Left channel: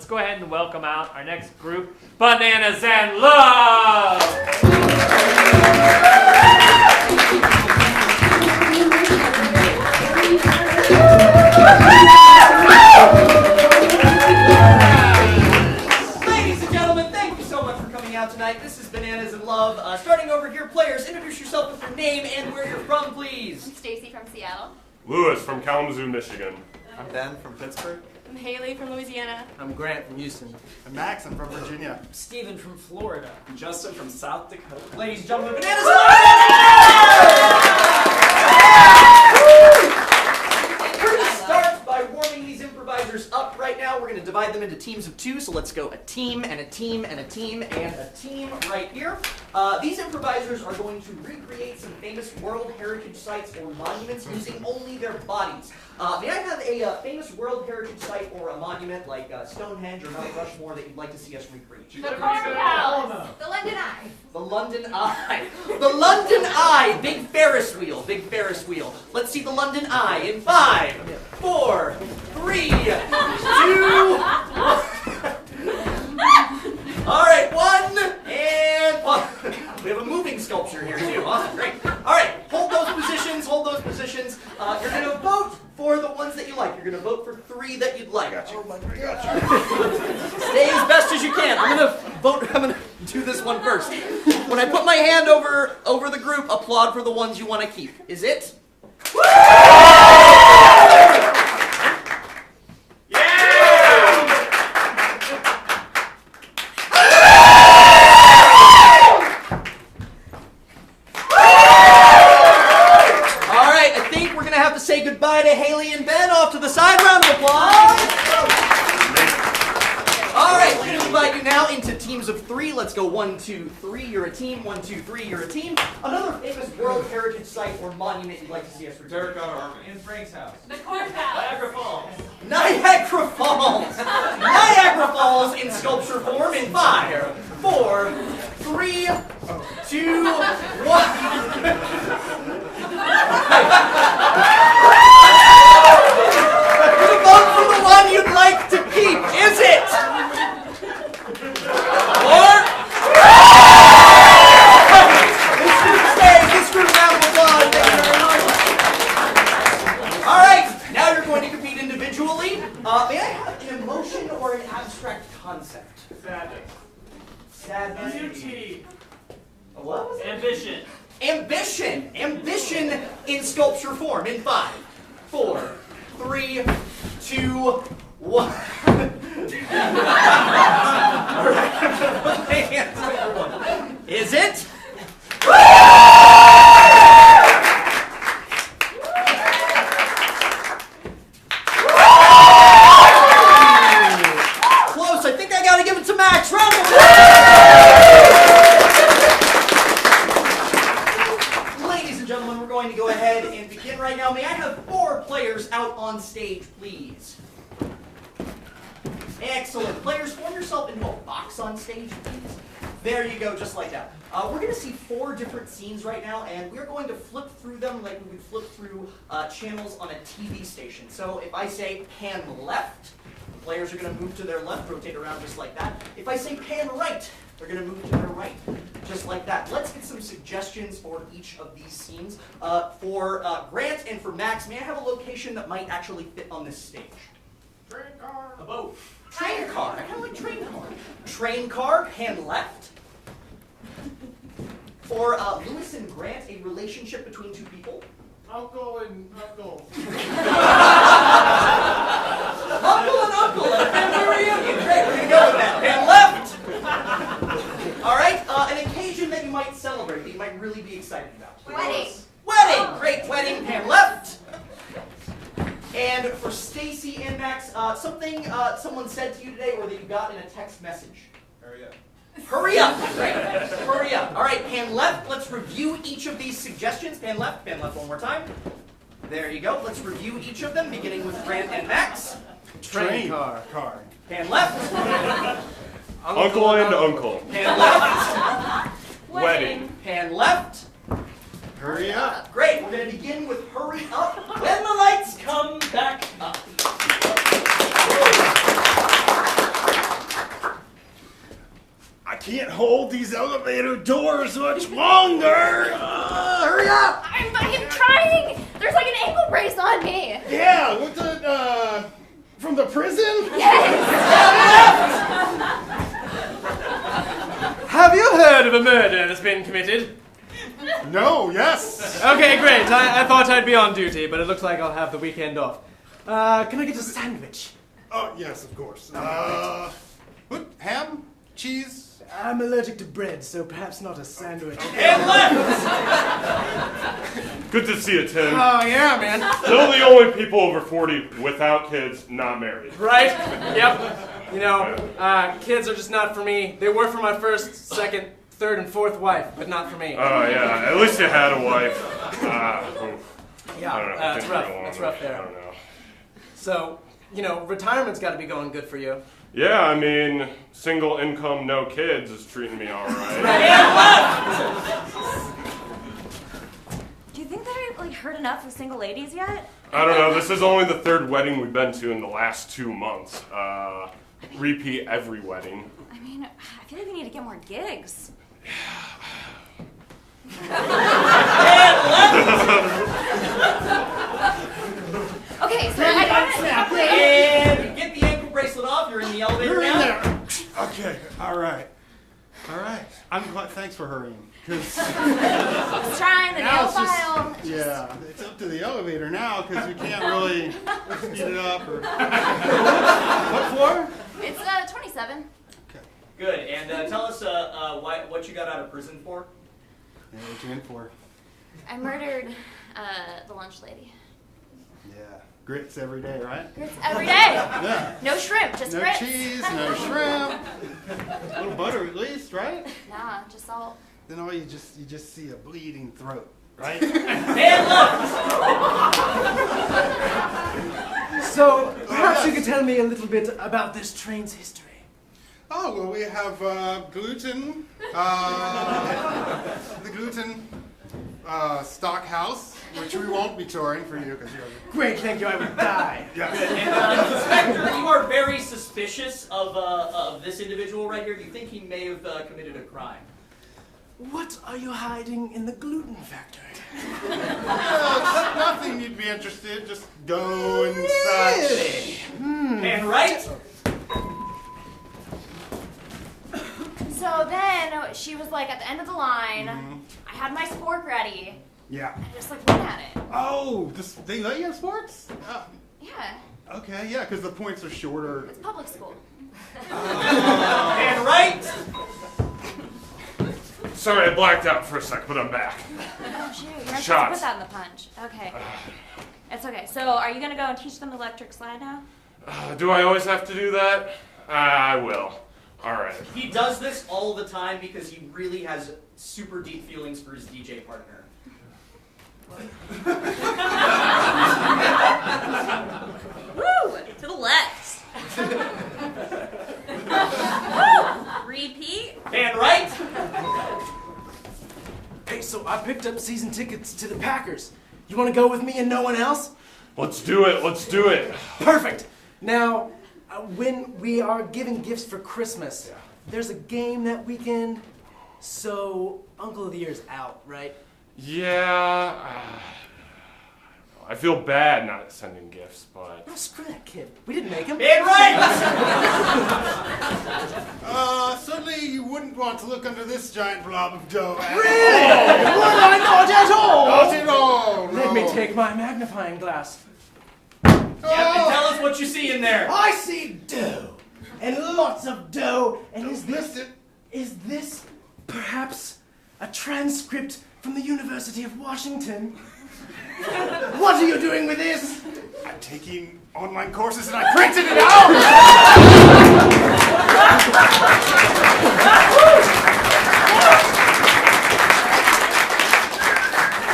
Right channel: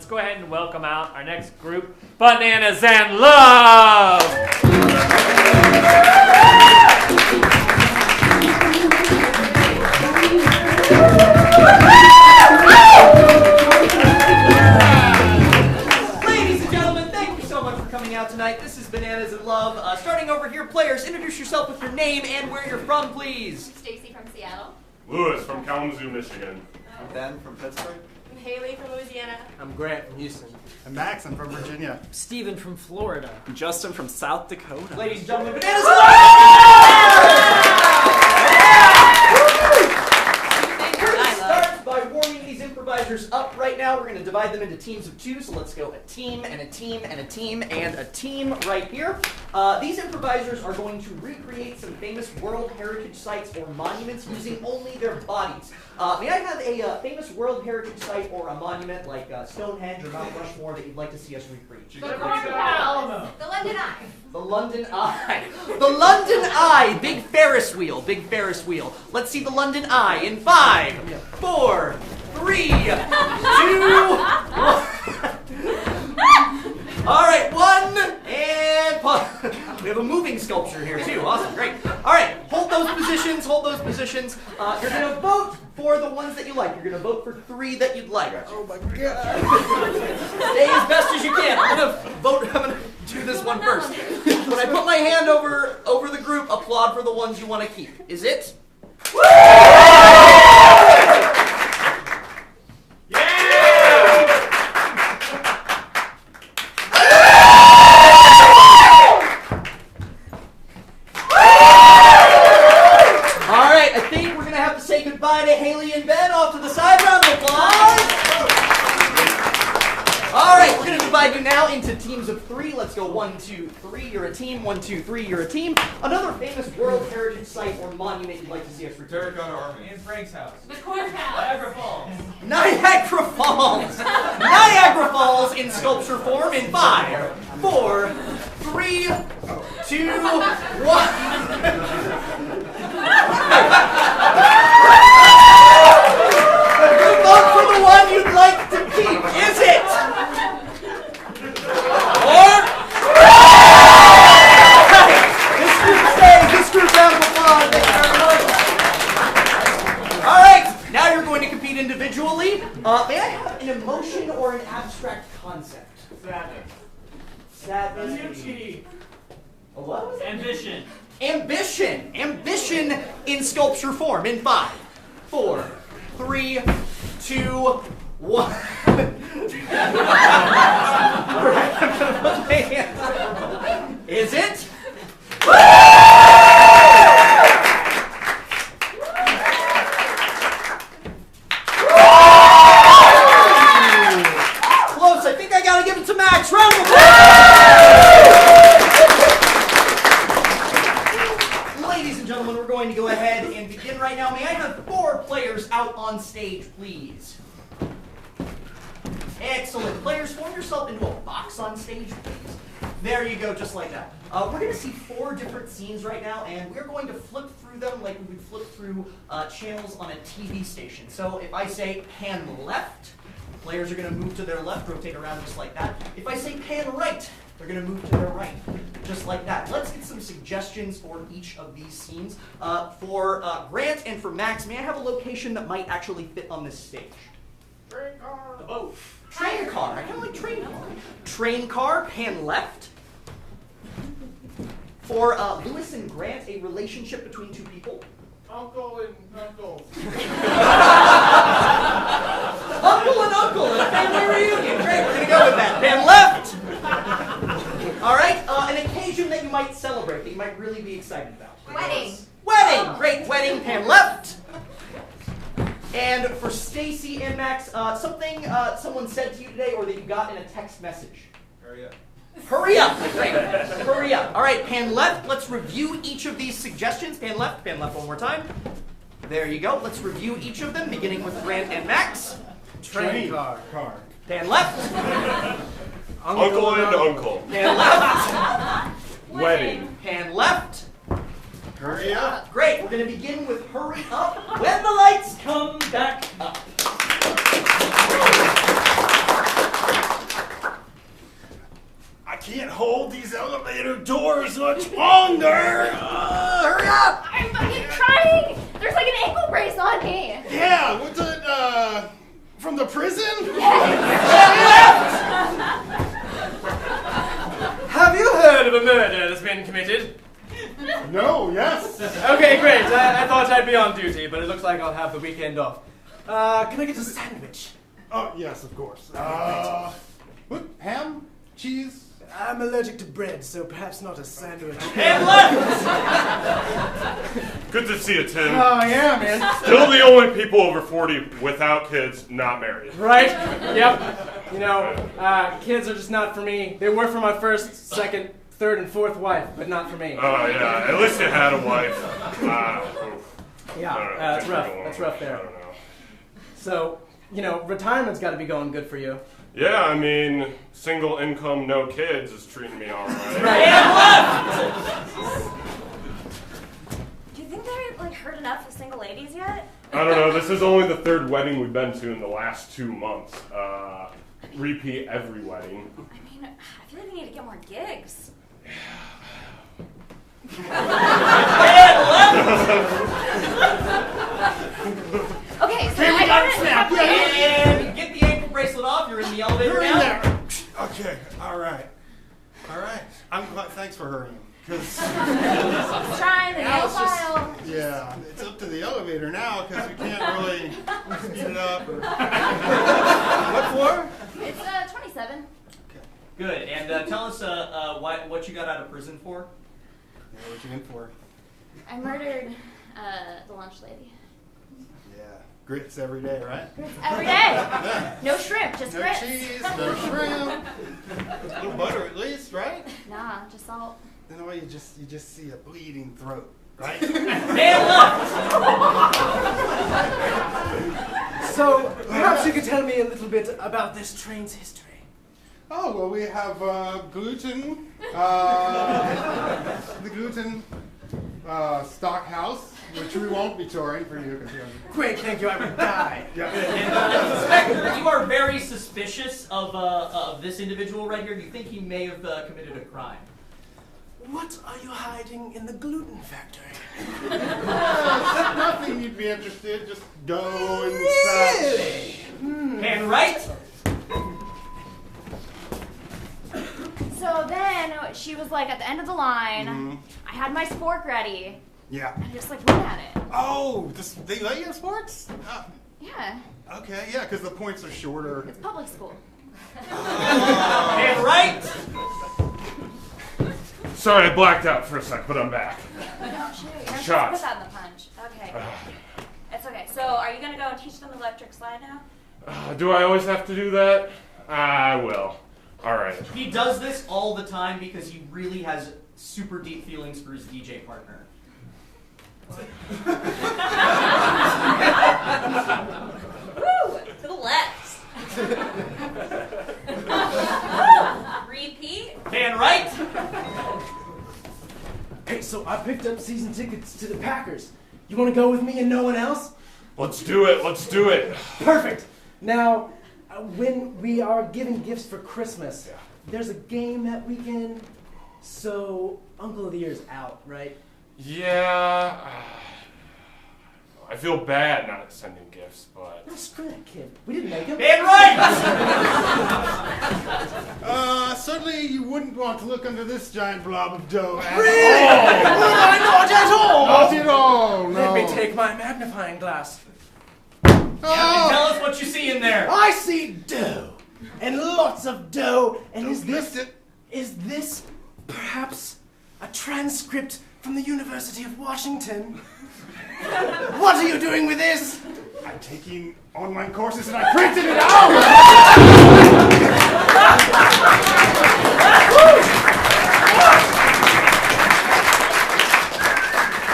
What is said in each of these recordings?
let's go ahead and welcome out our next group, Bananas and Love! Ladies and gentlemen, thank you so much for coming out tonight. This is Bananas and Love. Starting over here, players, introduce yourself with your name and where you're from, please. I'm Stacy from Seattle. Lewis from Kalamazoo, Michigan. I'm Ben from Pittsburgh. I'm Haley from Louisiana. I'm Grant from Houston. I'm Max, I'm from Virginia. Steven from Florida. I'm Justin from South Dakota. Ladies and gentlemen, Bananas and Love! We're going to start by warming these improvisers up right now. We're going to divide them into teams of two, so let's go a team and a team and a team and a team right here. These improvisers are going to recreate some famous World Heritage sites or monuments using only their bodies. May I have a famous World Heritage site or a monument like Stonehenge or Mount Rushmore that you'd like to see us recreate? The Courthouse. The London Eye. The London Eye. The London Eye. Big Ferris wheel. Big Ferris wheel. Let's see the London Eye in 5, 4, 3, 2, 1. All right, 1 and pause. We have a moving sculpture here too. Awesome, great. All right, hold those positions. Hold those positions. You're gonna vote for the ones that you like. You're gonna vote for 3 that you'd like. Oh my God. Stay as best as you can. I'm gonna do this one first. When I put my hand over the group, applaud for the ones you want to keep. Is it? Goodbye to Haley and Ben. Off to the side. Round of applause. All right, we're going to divide you now into teams of 3. Let's go 1, 2, 3. You're a team. 1, 2, 3. You're a team. Another famous World Heritage site or monument you'd like to see us return. Terracotta Army. In Frank's house. The Courthouse. Niagara Falls. Niagara Falls. Niagara Falls in sculpture form in 5, 4, 3, 2, 1. Vote for the one you'd like to keep. Is it? Or this group stays. This group round of applause. Thank you very much. All right, now you're going to compete individually. May I have an emotion or an abstract concept? Sadness. Sadness. Beauty. What was it? Ambition. Ambition. Ambition in sculpture form in 5, 4, 3, 2, 1. Is it? Close. I think I gotta give it to Max. Round of applause. Ladies and gentlemen, we're going to go ahead and begin right now. May I have 4 players out on stage, please? Excellent. Players, form yourself into a box on stage, please. There you go, just like that. We're going to see 4 different scenes right now, and we're going to flip through them like we would flip through channels on a TV station. So if I say pan left, players are going to move to their left, rotate around just like that. If I say pan right, they're going to move to their right, just like that. Let's get some suggestions for each of these scenes. For Grant and for Max, may I have a location that might actually fit on this stage? Train car. A boat. Train car. I kind of like train car. Train car, pan left. For Lewis and Grant, a relationship between 2 people. Uncle and uncle. Uncle and uncle at a family reunion. Great, we're going to go with that. Pan left. All right, an occasion that you might celebrate, that you might really be excited about. Wedding. Wedding. Great, wedding. Pan left. And for Stacy and Max, something someone said to you today or that you got in a text message. Hurry up. Hurry up. Great. Hurry up. All right, pan left. Let's review each of these suggestions. Pan left one more time. There you go. Let's review each of them, beginning with Grant and Max. Train car. Pan left. Uncle and uncle. Pan left. Wedding. Pan left. Hurry up. Great. We're going to begin with hurry up when the lights come back up. hold these elevator doors much longer. Hurry up! I'm fucking trying! There's like an ankle brace on me! Yeah, what's it, from the prison? Have you heard of a murder that's been committed? No, yes. Okay, great. I thought I'd be on duty, but it looks like I'll have the weekend off. Can I get a sandwich? Oh, yes, of course. What, ham? Cheese? I'm allergic to bread, so perhaps not a sandwich. Good to see you, Tim. Oh, yeah, man. Still the only people over 40 without kids, not married. Right? Yep. You know, kids are just not for me. They were for my first, second, third, and fourth wife, but not for me. Oh, yeah. At least you had a wife. Yeah, it's rough. I It's rough there. don't know. So, you know, retirement's got to be going good for you. Yeah, I mean, single income, no kids is treating me all right. Do you think they've like heard enough of single ladies yet? I don't know. This is only the third wedding we've been to in the last 2 months. Repeat every wedding. I mean, I feel like they need to get more gigs. Okay, so I got it. And get the ankle bracelet off. You're in the elevator Hurry now. there. Okay, all right. I'm glad, thanks for hurrying. 'Cause It's trying the now nail it's just- file. yeah, it's up to the elevator now because we can't really speed it up. Or... What floor? It's 27. Good. And tell us what you got out of prison for. Yeah, what you in for? I murdered the lunch lady. Yeah, grits every day, right? Grits every day. Yeah. No shrimp, just No grits. cheese, no shrimp. A little butter at least, right? Nah, just salt. Then all you just see a bleeding throat, right? So, perhaps you could tell me a little bit about this train's history. Oh, well, we have gluten, the gluten stock house, which we won't be touring for you because you have Great, thank you, I would die. Inspector, you are very suspicious of this individual right here. You think he may have committed a crime? What are you hiding in the gluten factory? nothing you'd be interested, just dough and such. And right? So then she was like at the end of the line. I had my spork ready. Yeah. I just like went at it. Oh, they let you in sports? Yeah, Okay, yeah, because the points are shorter. it's public school. And right? Sorry, I blacked out for a sec, but I'm back. Oh shoot, you're not supposed to Shots. put that in the punch. Okay. It's okay. So are you gonna go and teach them electric slide now? Do I always have to do that? I will. All right. He does this all the time because he really has super deep feelings for his DJ partner. Woo! To the left. Repeat. And right? Hey, so I picked up season tickets to the Packers. You want to go with me and no one else? Let's do it. Let's do it. Perfect. Now, when we are giving gifts for Christmas, there's a game that weekend, so Uncle of the Year's out, right? Yeah. I feel bad not sending gifts, but... Well, screw that kid. We didn't make him. And right! Certainly you wouldn't want to look under this giant blob of dough. Really? Oh, not at all! Not at all, no. Let me take my magnifying glass. Yeah, tell us what you see in there. I see dough, and lots of dough, and Don't miss it. is this perhaps a transcript from the University of Washington? What are you doing with this? I'm taking online courses and I printed it out!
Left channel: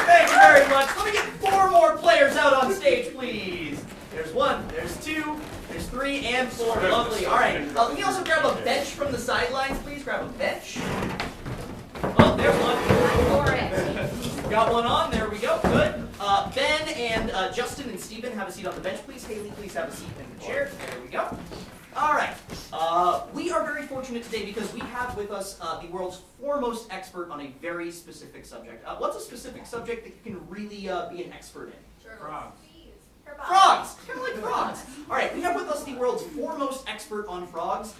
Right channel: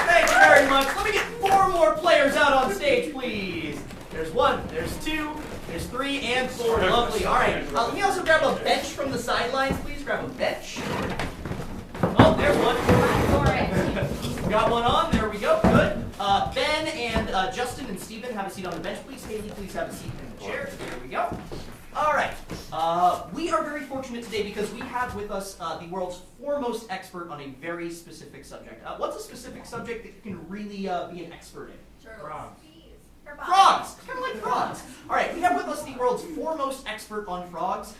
Thank you very much. Let me get 4 more players out on stage, please. There's 1, there's 2, there's 3, and 4. Lovely. All right. Let me also grab a bench from the sidelines, please. Grab a bench. Oh, there's one. Got one on. There we go. Good. Ben and Justin and Steven, have a seat on the bench, please. Haley, please have a seat in the chair. There we go. All right. We are very fortunate today because we have with us the world's foremost expert on a very specific subject. What's a specific subject that you can really be an expert in? Frogs. Frogs! Kind of like frogs. All right, we have with us the world's foremost expert on frogs.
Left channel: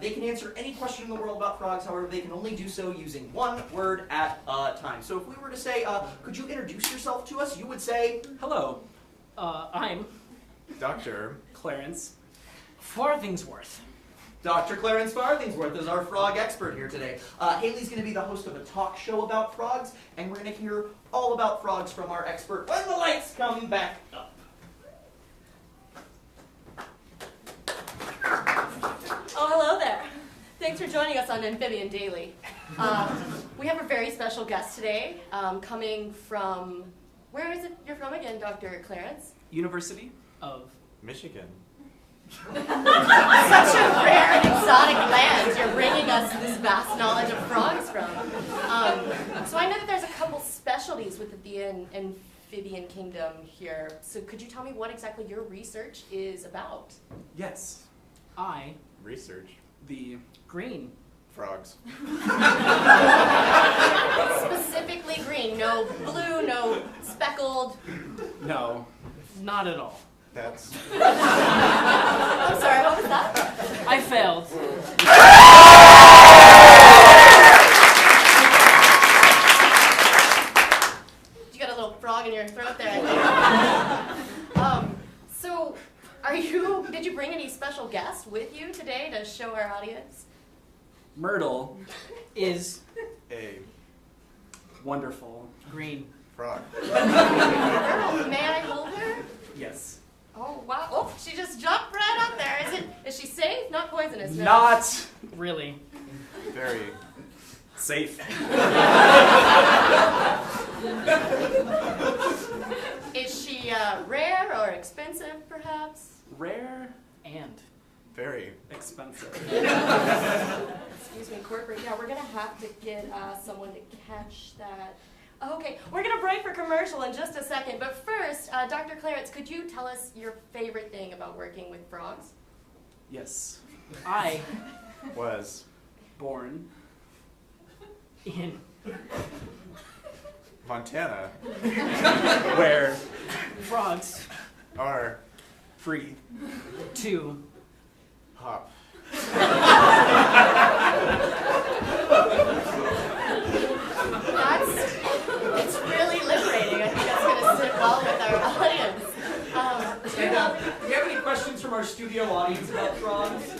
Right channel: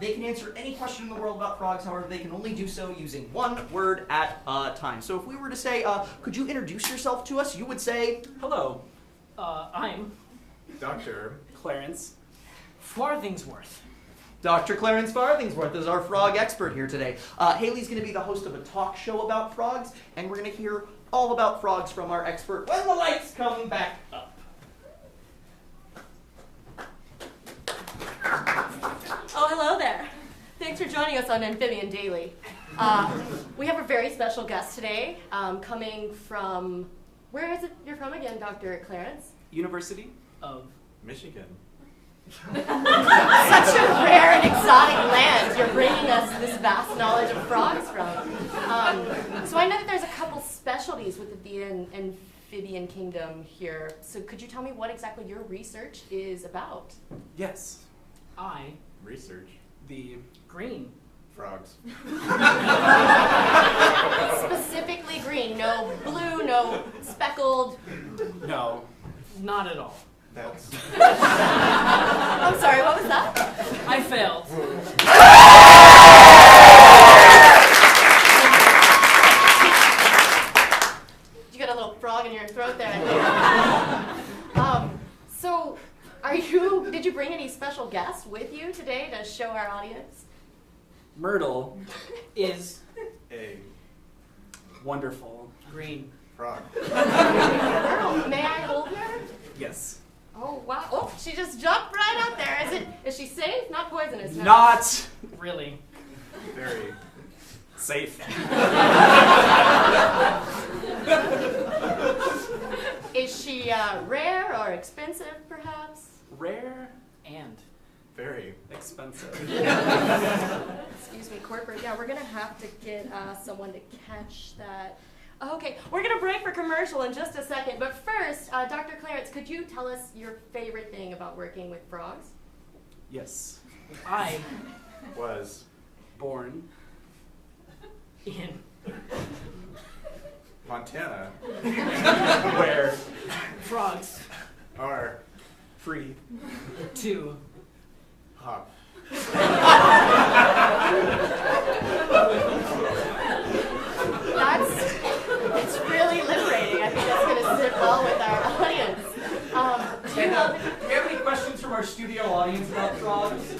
They can answer any question in the world about frogs, however, they can only do so using one word at a time. So if we were to say, could you introduce yourself to us, you would say, Hello, I'm Dr. Clarence Farthingsworth. Dr. Clarence Farthingsworth is our frog expert here today. Haley's going to be the host of a talk show about frogs, and we're going to hear all about frogs from our expert when the lights come back up. Oh, hello there. Thanks for joining us on Amphibian Daily. We have a very special guest today, coming from, where is it you're from again, Dr. Clarence? University of Michigan. Such a rare and exotic land you're bringing us this vast knowledge of frogs from. So I know that there's a couple specialties with the amphibian kingdom here. So could you tell me what exactly your research is about? Yes, I, Research. the green. Frogs. Specifically green, no blue, no speckled. No, not at all. That's I'm sorry, what was that? I failed. You got a little frog in your throat there, I think. So, did you bring any special guests with you today to show our audience? Myrtle is a wonderful green. frog. Myrtle, may I hold her? Yes. Oh, wow. Oh, she just jumped right up there. Is she safe? Not poisonous? No. Not really. Very Safe. Is she rare or expensive, perhaps? Rare and very expensive. Excuse me, corporate. Yeah, we're going to have to get someone to catch that. Okay, we're going to break for commercial in just a second. But first, Dr. Clarence, could you tell us your favorite thing about working with frogs? Yes. I was born in Montana where frogs are free to hop. It's really liberating. I think that's going to sit well with our audience. Do you have any questions from our studio audience about frogs?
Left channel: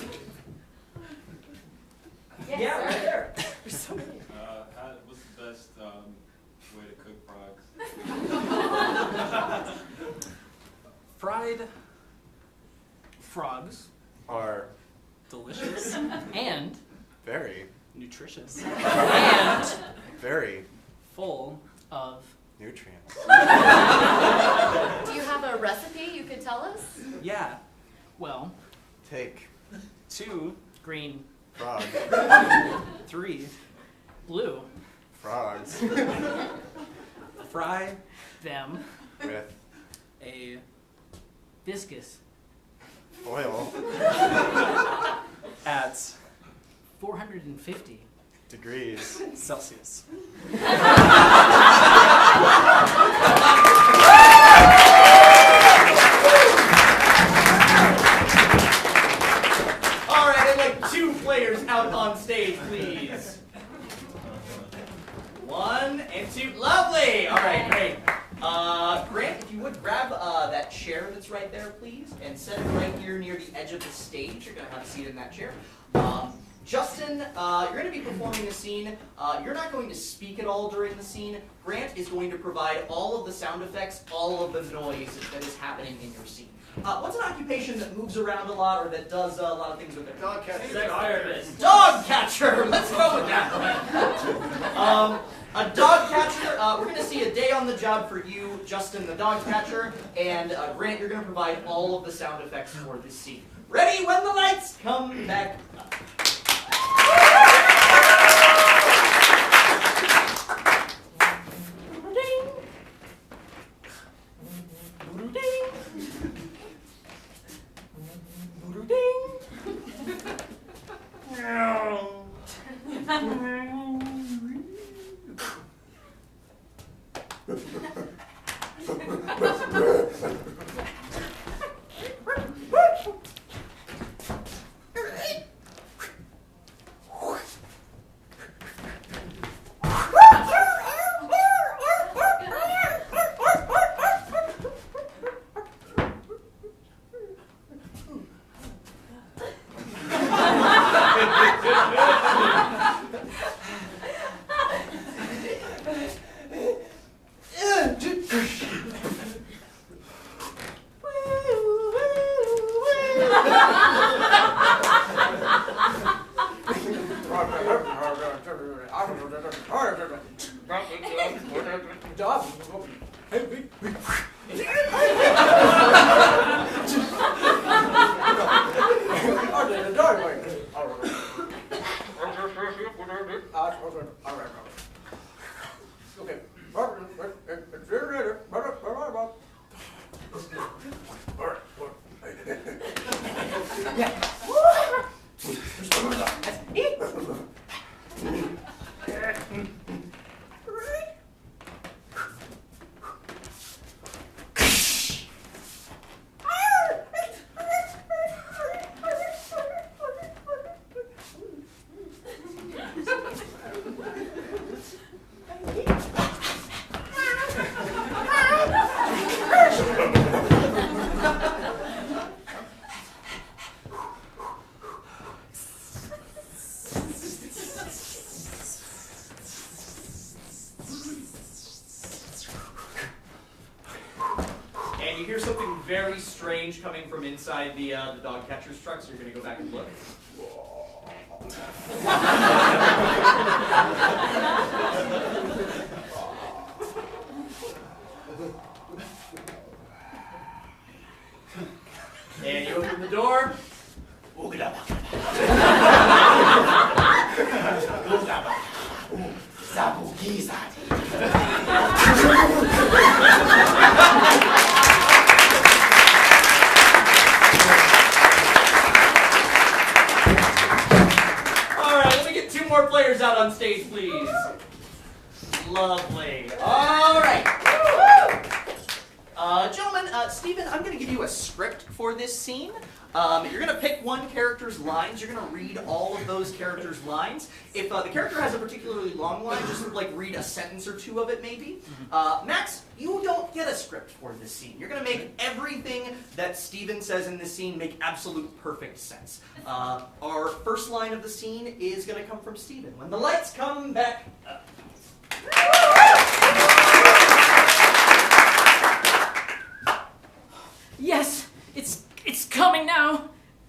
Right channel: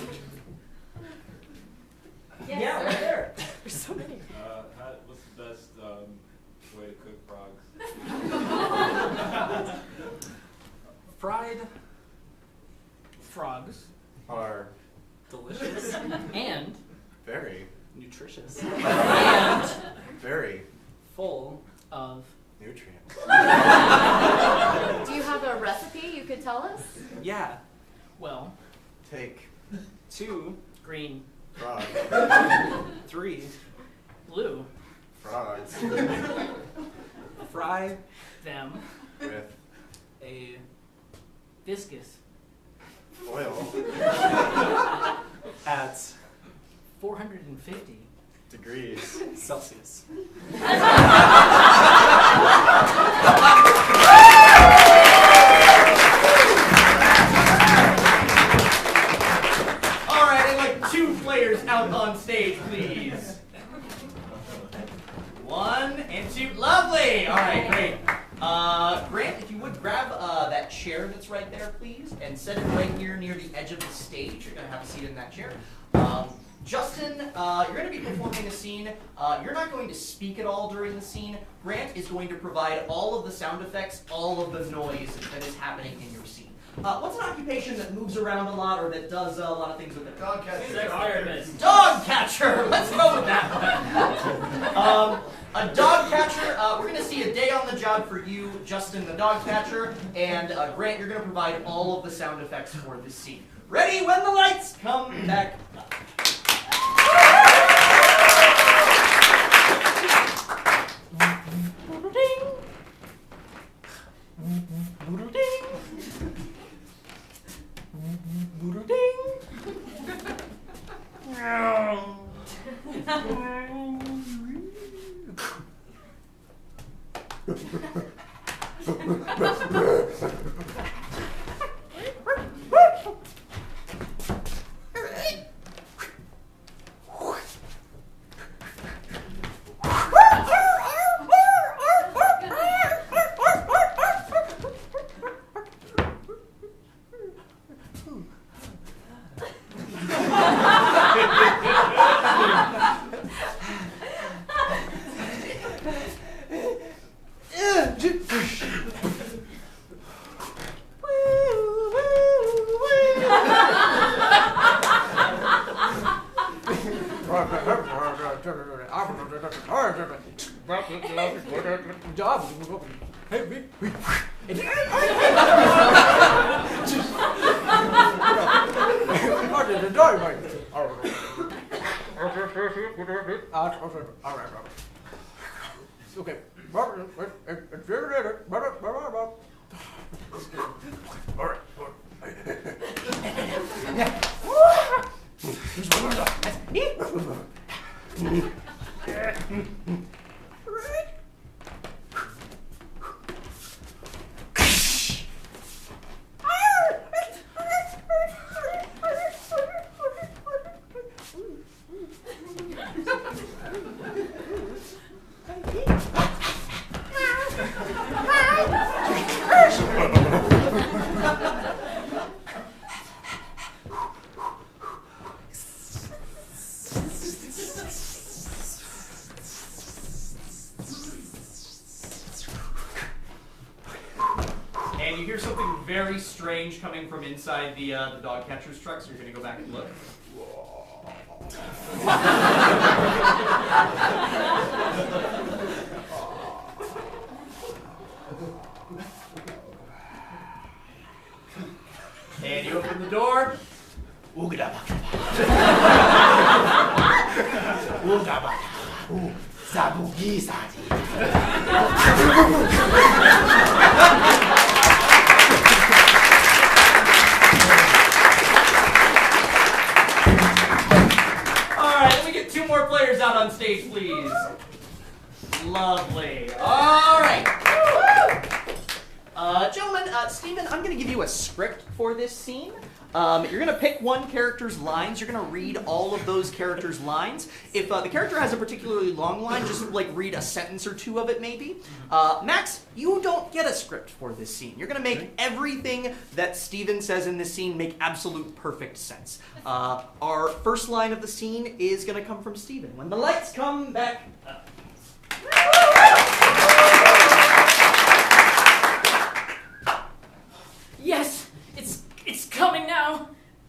Yes, Right there. There's so many. What's the best way to cook frogs? fried frogs Are delicious and very, nutritious and very full of nutrients. Do you have a recipe you could tell us? yeah. Well, Take 2 green, frog 3 blue, frogs fry them with a viscous oil at 450 degrees Celsius. All right, I'd like 2 players out on stage, please. 1 and 2. Lovely. All right, great. Grant, if you would grab that chair that's right there, please, and set it right here near the edge of the stage. You're going to have a seat in that chair. Justin, you're going to be performing a scene. You're not going to speak at all during the scene. Grant is going to provide all of the sound effects, all of the noise that is happening in your scene. What's an occupation that moves around a lot or that does a lot of things with it? Dog catcher. Dog catcher. Let's go with that. A dog catcher. We're going to see a day on the job for you, Justin, the dog catcher, and Grant. You're going to provide all of the sound effects for this scene. Ready when the lights come back up. Very strange coming from inside the dog catcher's truck, so you're going to go back and look. And you open the door. Players out on stage, please. Lovely. All right. Gentlemen, Stephen, I'm going to give you a script for this scene. You're going to pick one character's lines. You're going to read all of those characters' lines. If the character has a particularly long line, just like read a sentence or two of it, maybe. Max, you don't get a script for this scene. You're going to make everything that Stephen says in this scene make absolute perfect sense. Our first line of the scene is going to come from Stephen. When the lights come back up. Yes, it's coming now.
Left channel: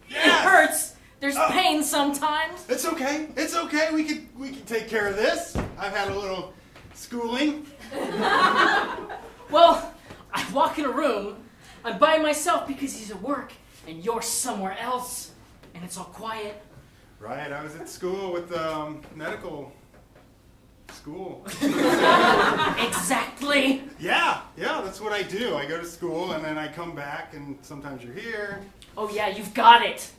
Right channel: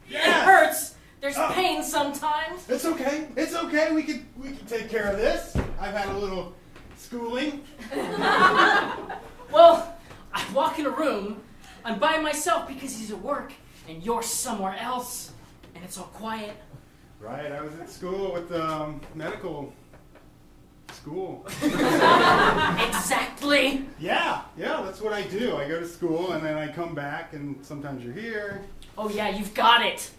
Yes. It hurts. There's pain sometimes. It's okay. It's okay. We can take care of this. I've had a little schooling. Well, I walk in a room. I'm by myself because he's at work, and you're somewhere else, and it's all quiet. Right. I was at school with medical school. Exactly. Yeah. That's what I do. I go to school and then I come back, and sometimes you're here. Oh yeah, you've got it.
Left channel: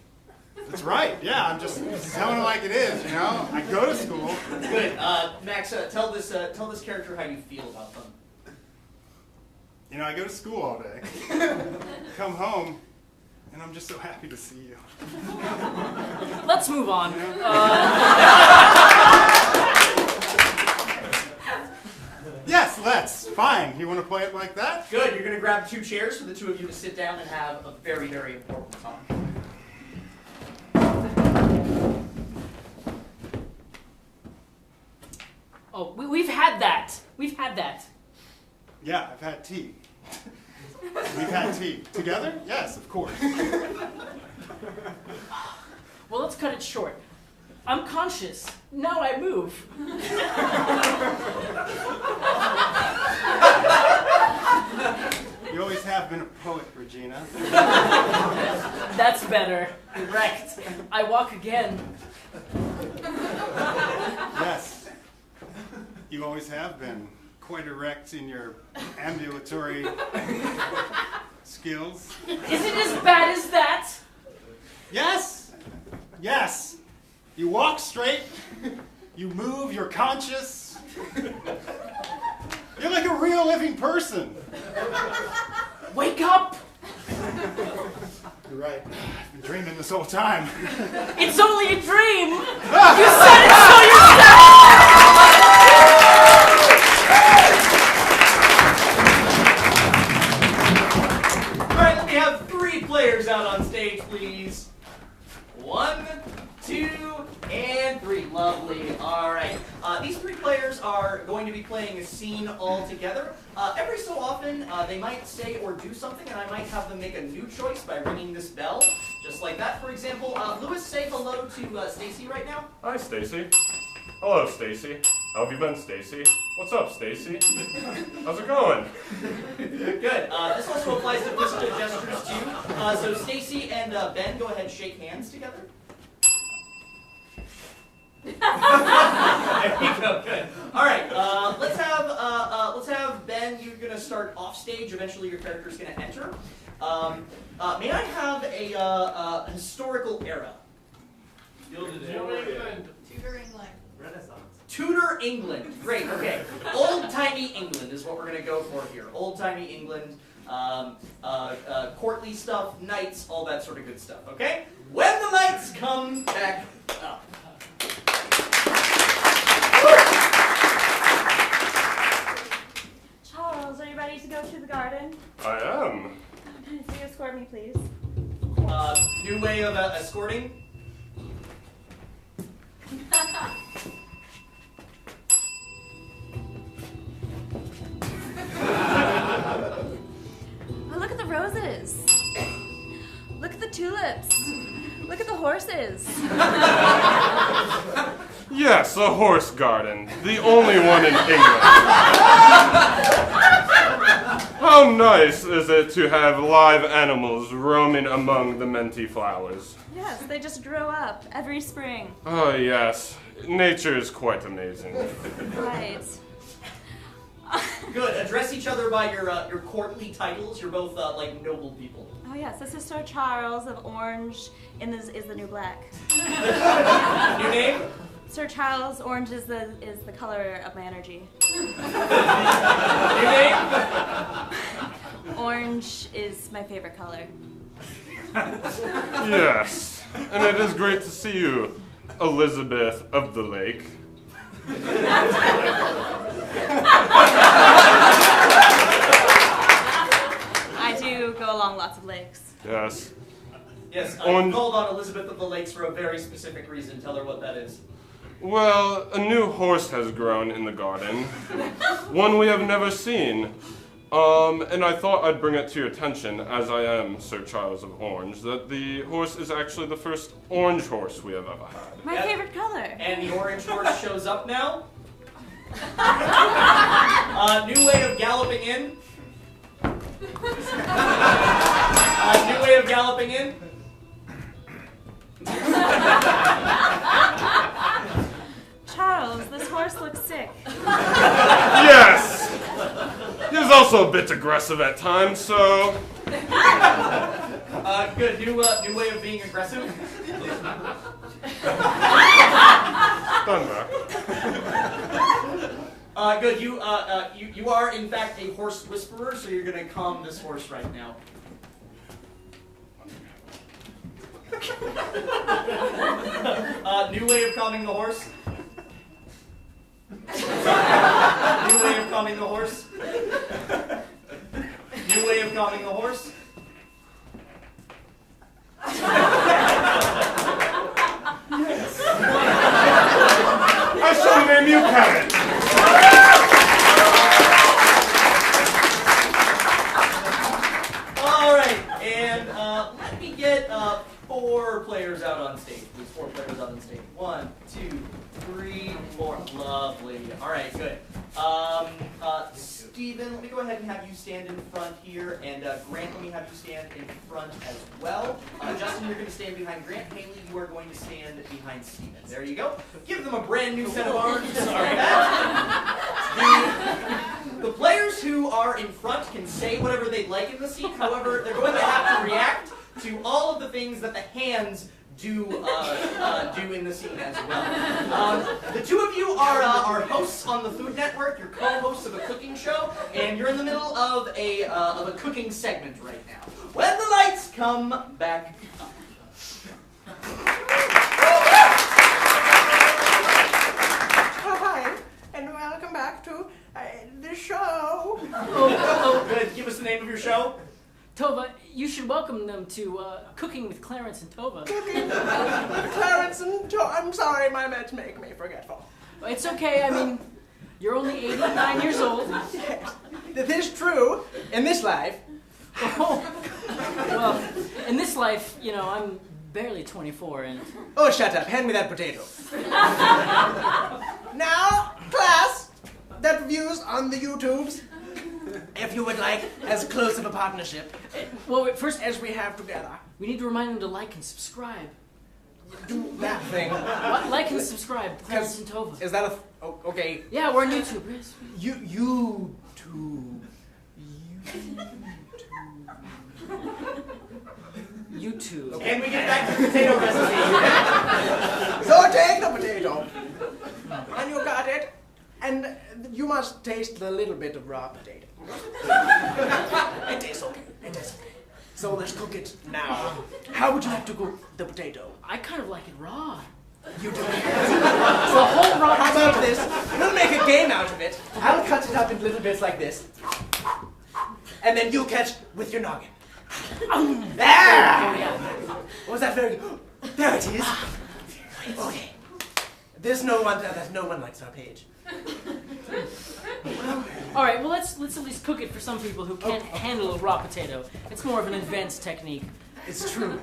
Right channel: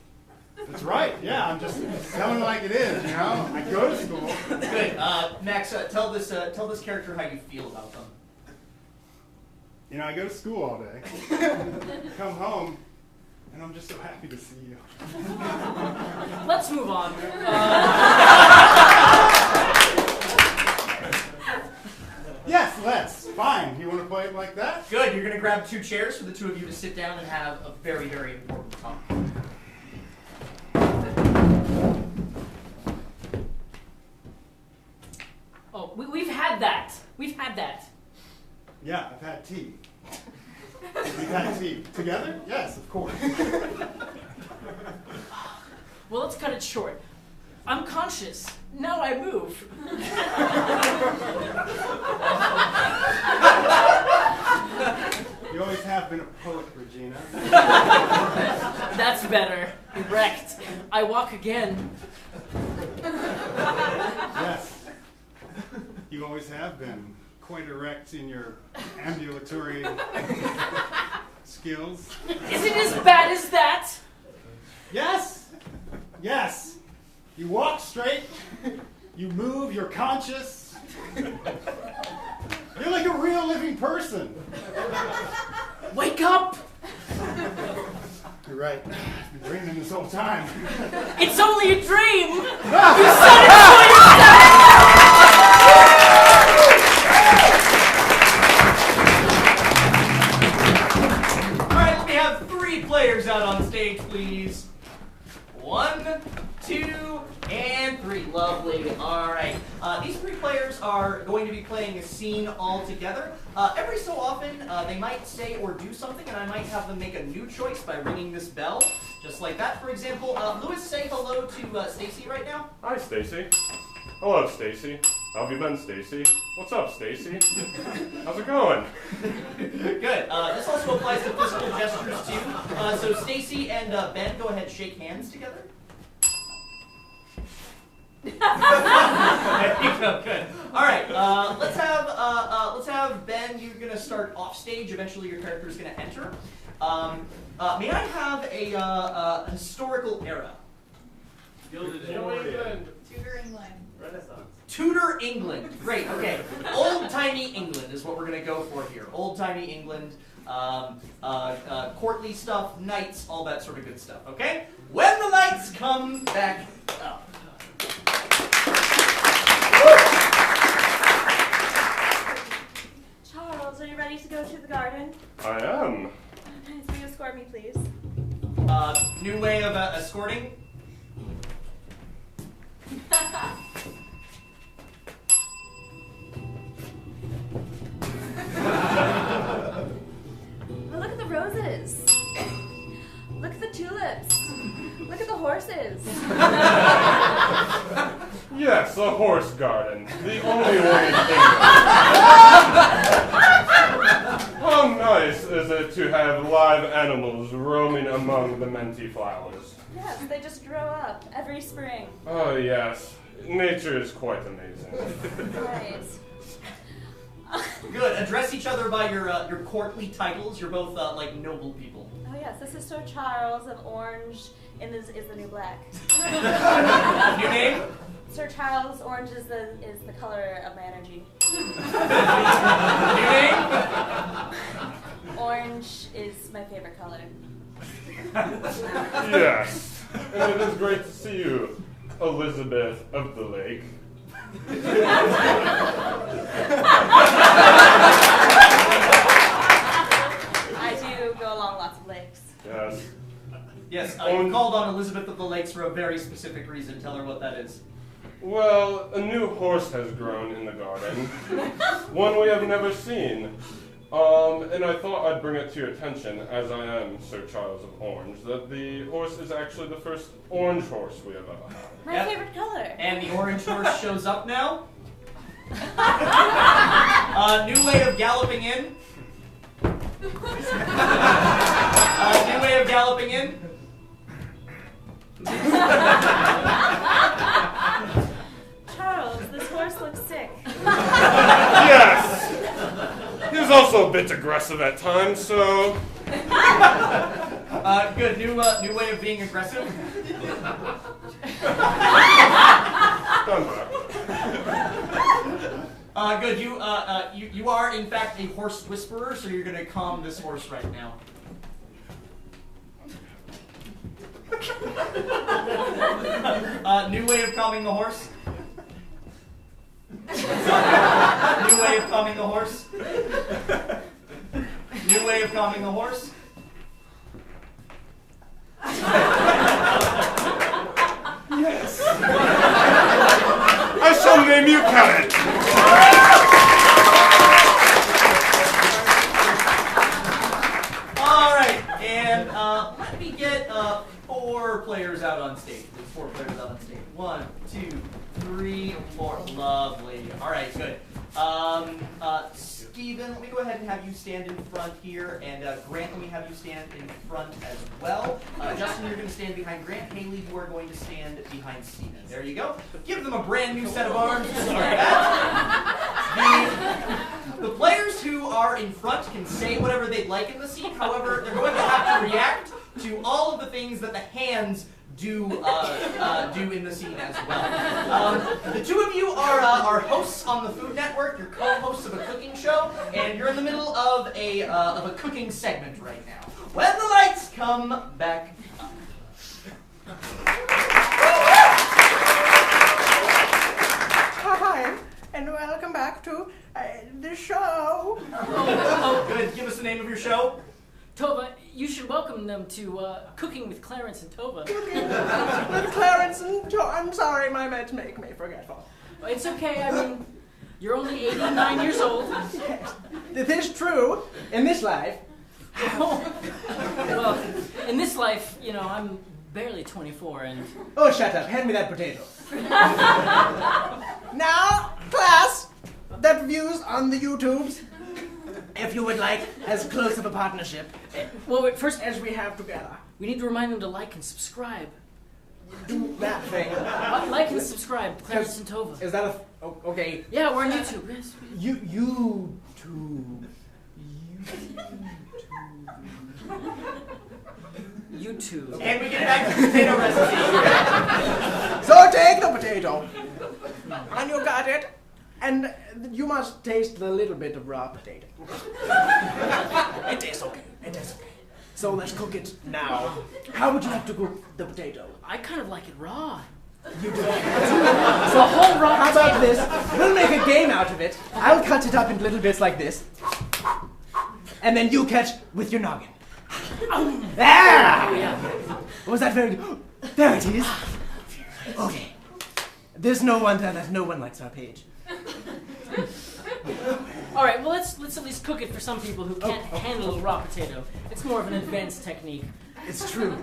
That's right. Yeah. I'm just telling it like it is. You know. I go to school. Good. Max, tell this character how you feel about them. You know, I go to school all day. Come home, and I'm just so happy to see you. Let's move on. Yes, let's. Fine. You want to play it like that? Good. You're going to grab 2 chairs for the two of you to sit down and have a very, very important talk. Oh, we've had that. We've had that. Yeah, I've had tea. We've had tea. Together? Yes, of course. Well, let's cut it short. I'm conscious. Now I move. You always have been a poet, Regina. That's better. Correct. I walk again. Yes. You always have been quite erect in your ambulatory skills. Is it as bad as that? Yes. Yes. You walk straight. You move. You're conscious. You're like a real living person. Wake up! You're right. I've been dreaming this whole time. It's only a dream! You said it, so you Alright, let me have 3 players out on stage, please. 1, 2, and 3. Lovely. Alright. These 3 players are going to be playing a scene all together. Every so often, they might say or do something, and I might have them make a new choice by ringing this bell. Just like that. For example, Lewis, say hello to Stacy right now. Hi, Stacy. Hello, Stacy. How have you been, Stacy? What's up, Stacy? How's it going? Good. This also applies to physical gestures too. So Stacy and Ben, go ahead and shake hands together. There you go. Good. All right. Let's have Ben. You're gonna start off stage. Eventually, your character is gonna enter. May I have a historical era? New England. Tudor England. Renaissance. Tudor England. Great. Okay. Old-timey England is what we're gonna go for here. Old-timey England. Courtly stuff, knights, all that sort of good stuff. Okay. When the lights come back up. Charles, are you ready to go to the garden? I am. Will you escort me, please? New way of escorting. Oh, look at the roses. Look at the tulips. Look at the horses. Yes, a horse garden. The only one in England. How nice is it to have live animals roaming among the minty flowers? Yes, they just grow up every spring. Oh, yes. Nature is quite amazing. Right. Good. Address each other by your courtly titles. You're both like noble people. Oh yes, this is Sir Charles of Orange is the new black. New name? Sir Charles, orange is the color of my energy. New name? Orange is my favorite color. Yes, and it is great to see you, Elizabeth of the Lake. I do go along lots of lakes. Yes. Yes, you called on Elizabeth of the Lakes for a very specific reason. Tell her what that is. Well, a new horse has grown in the garden. One we have never seen. And I thought I'd bring it to your attention, as I am Sir Charles of Orange, that the horse is actually the first orange horse we have ever had. My favorite color. And the orange horse shows up now. New way of galloping in. New way of galloping in. Charles, this horse looks sick. Yes! He's also a bit aggressive at times, so... Good. New way of being aggressive. Done back. Good. You are in fact a horse whisperer, so you're gonna calm this horse right now. New way of calming the horse. New way of calming the horse. New way of calming the horse. Yes. I shall name you Carrot. All right, and let me get 4 players out on stage. There's 4 players out on stage. 1, 2, 3, 4. Lovely. All right, good. Steven, let me go ahead and have you stand in front here, and Grant, let me have you stand in front as well. Justin, you're going to stand behind Grant. Haley, you are going to stand behind Steven. There you go. Give them a brand new set of arms to start that. The players who are in front can say whatever they'd like in the scene. However, they're going to have to react to all of the things that the hands do in the scene as well. The two of you are hosts on the Food Network. You're co-hosts of a cooking show, and you're in the middle of a cooking segment right now. When the lights come back up. Hi, and welcome back to the show. Oh, good. Give us the name of your show. Tova, you should welcome them to Cooking with Clarence and Tova. Clarence and I'm sorry, my meds make me forgetful. Well, it's okay. I mean, you're only 89 years old. Yes, it is true. In this life. Well, in this life, you know, I'm barely 24 and... Oh, shut up. Hand me that potato. Now, class, that views on the YouTubes, if you would like as close of a partnership. Well, wait, first, as we have together. we need to remind them to like and subscribe. Do that thing. Like and subscribe, Clarence and Tova. Is that okay? Yeah, we're on YouTube. Yes. YouTube. YouTube. And we get back to the potato recipe. So take the potato. And you got it. And you must taste a little bit of raw potato. It is okay. It is okay. So let's cook it now. How would you like to cook the potato? I kind of like it raw. You do. So a whole raw How potato. about this? We'll make a game out of it. I'll cut it up in little bits like this. And then you catch with your noggin. Ah! Oh, yeah. Was that very good? There it is. Okay. There's no wonder that no one likes our page. All right, well, let's at least cook it for some people who can't handle a raw potato. It's more of an advanced technique. It's true.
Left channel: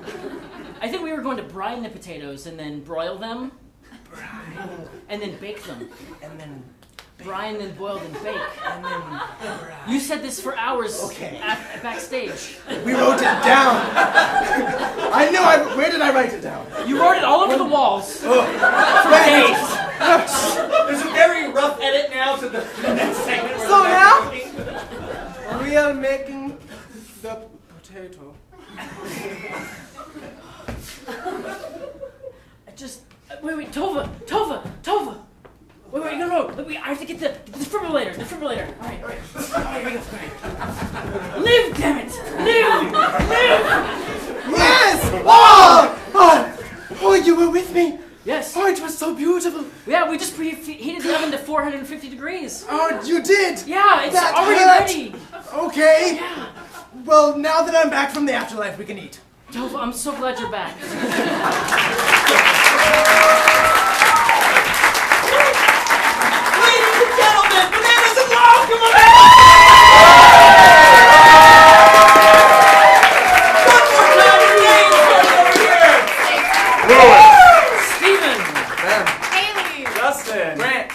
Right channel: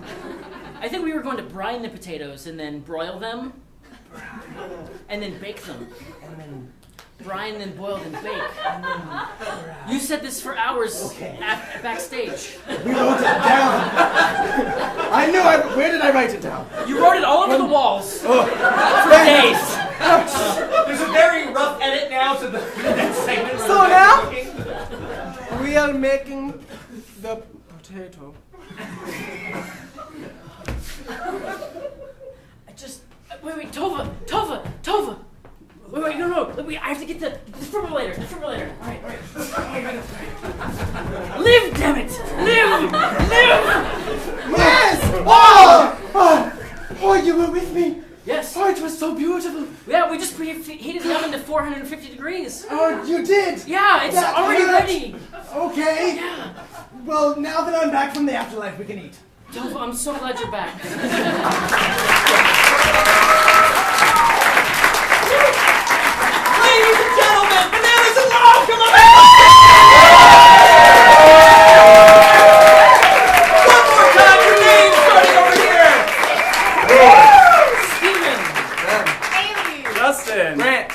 I think we were going to brine the potatoes and then broil them. And then bake them. And then Brine, then boil, then bake. and then You said this for hours Okay. backstage. we wrote it down. I know. Where did I write it down? You wrote it all over the walls. Oh. For days. There's a very rough edit now to the segment. So now we are making the potato. Wait, Tova. Wait, no. Wait, I have to get the defibrillator. All right. Live, damn it! Live! Yes! Oh, you were with me. Yes. Oh, it was so beautiful. Yeah, we just heated it oven to 450 degrees. Oh, you did. Yeah, it's That already hurt. ready. Okay. Well, now that I'm back from the afterlife, we can eat. Tova, I'm so glad you're back. Ladies and gentlemen, bananas and love, come on! One more time for names starting over here. Steven. Haley. Justin. Grant.